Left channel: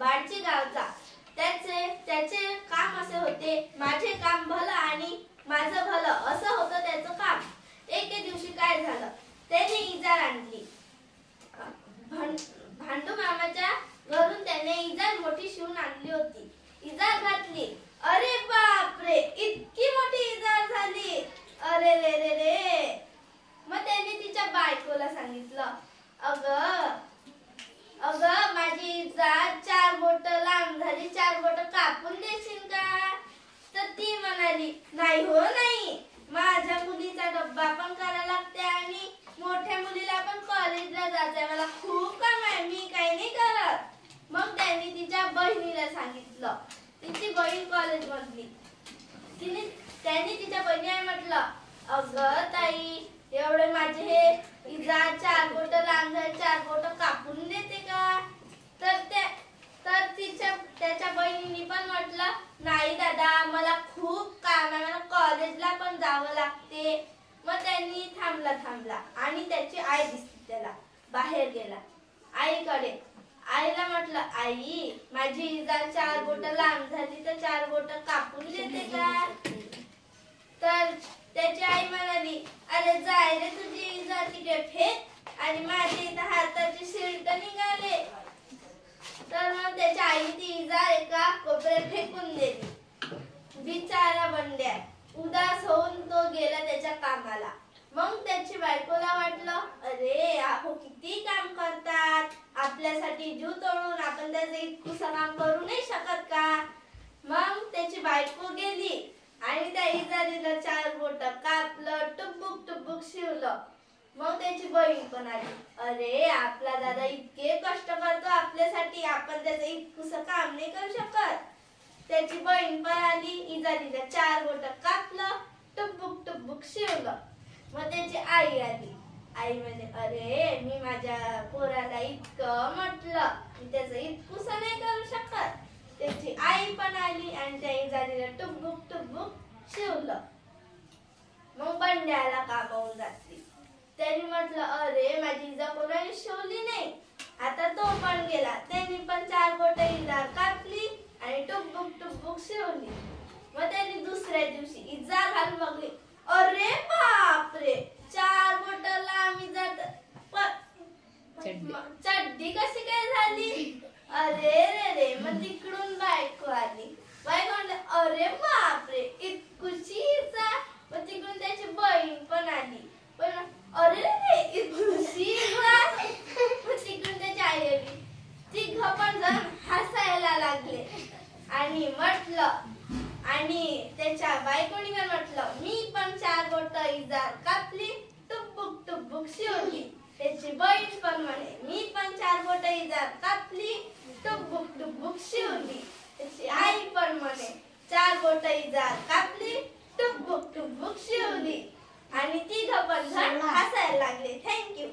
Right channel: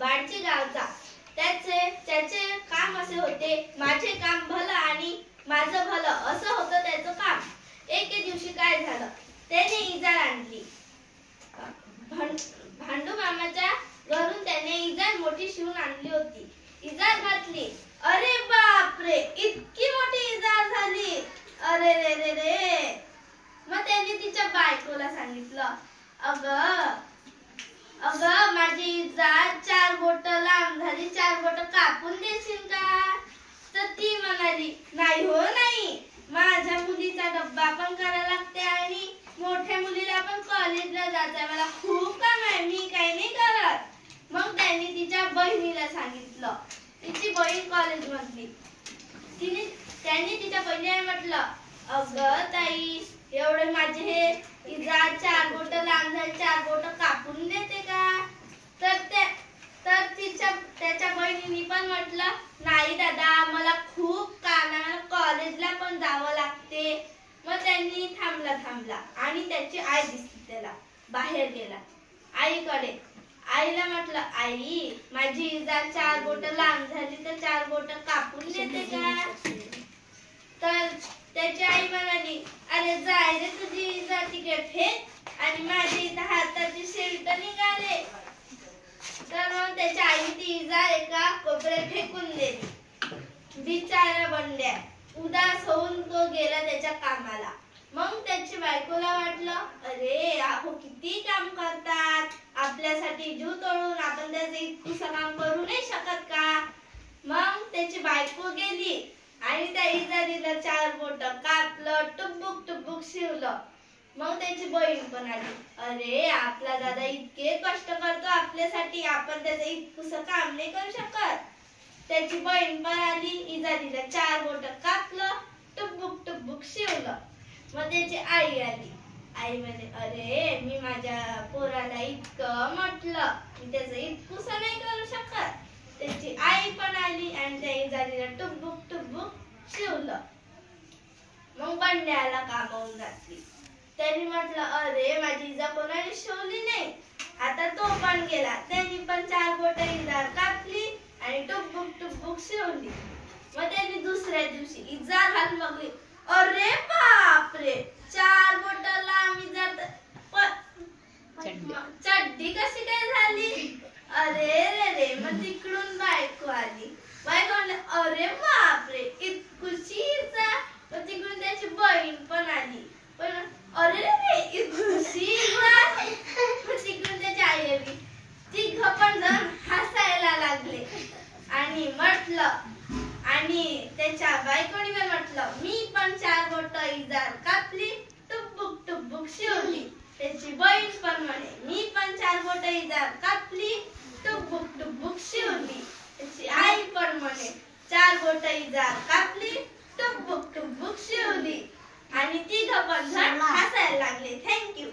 बाळचे गावचा. त्याचे काम असे होते, माझे काम भलं आणि माझं भलं असं होतं त्याचं काम. एके दिवशी काय झालं, त्याने इजार आणली. भांडू मामाच्या घरून त्याने इजार मोठी शिवून आणली होती. इजार घातली. अरे बापरे, इतकी मोठी इजार झाली. अरे रे रे रे. मग त्यांनी तिच्या बायकोला सांगितलं, अगं माझी इजार 4 बोट लांब झाली, 4 बोट कापून देशील का? तर ती म्हणाली, नाही हो नाही, माझ्या मुलीचा डब्बा पण करायला लागते आणि मोठ्या मुलीला पण कॉलेजला जायचंय, मला खूप काम आहे, मी काही नाही करत. मग त्यांनी तिच्या बहिणीला सांगितलं. तिची बहीण कॉलेज मधली. त्यांनी तिच्या बहिणीला म्हटलं, अगं ताई, एवढे माझे हे इजार 4 बोट लांब झाले, 4 बोट कापून देते का? तर त्याच्या बहिणीने पण म्हटलं, नाही दादा, मला खूप काम आहे, मला कॉलेजला पण जावं लागते. मग त्यांनी थांबला आणि त्याची आई दिसली त्याला. बाहेर गेला आईकडे. आईला म्हटलं, आई, माझी इजार 4 बोट लांब झाली, तर 4 बोट कापून देते का? तर त्याची आई म्हणाली, अरे जाय रे, तुझी इजार तिकडे फेक आणि माझी इथं हाताची शिल्ट निघाले. तर मग त्याच्या आईने ती इजार एका कोपऱ्यात फेकून दिली. बिचारा बंड्या उदास होऊन तो गेला त्याच्या कामाला. मग त्याची बायकोला वाटलं, अरे आहो किती काम करतात, आपल्यासाठी जीव तोडून आपण त्याचं इतकंसं काम करू नाही शकत का? मग त्याची बायको गेली आणि त्या इजारीला 4 बोट कापलं, टुबुक शिवलं. मग त्याची बहीण पण आली. अरे आपला दादा इतके कष्ट करतो आपल्यासाठी, आपण त्याचं इतकंसं काम नाही करू शकत. त्याची बहीण पण आली. इजारीला 4 बोट कापलं, टुबुक शिवलं. मग त्याची आई आली. आई म्हणे, अरे मी माझ्या पोराला इतकं म्हटलं, मी त्याचं इतकंसं नाही करू शकत. त्याची आई पण आली आणि त्या इजारीला टुबुक शिवलं. मग बंड्याला कामावून घातली. त्यांनी म्हटलं, अरे माझी इजार कोणाने शिवली नाही. आता तो पण गेला. त्यांनी पण 4 बोट इजार कापली आणि टुबुक शिवली. मग त्यांनी दुसऱ्या दिवशी इजार घालून बघली. अरे बापरे, 4 बोट लांब इजार, चड्डी कशी काय झाली? अरे रे रे. मग तिकडून बायको आली. बायको म्हणली, अरे बापरे, इतकुशी इजार. मग तिकडून त्याची बहीण पण आली. पण अरे रे, इतकुशी इजार. मग तिकडून त्याची आई आली. तिघ पण जण हसायला लागले आणि म्हटलं, आणि त्याच्या बायकोनी पण म्हटलं, मी पण 4 बोट इजार कापली, टुबुक शिवली. त्याची बहीण पण म्हणे, मी पण 4 बोट इजार कापली, टुबुक शिवली. त्याची आई पण म्हणे, 4 बोट इजार कापली, टुबुक शिवली. आणि तिघ पण जण हसायला लागले. थँक्यू.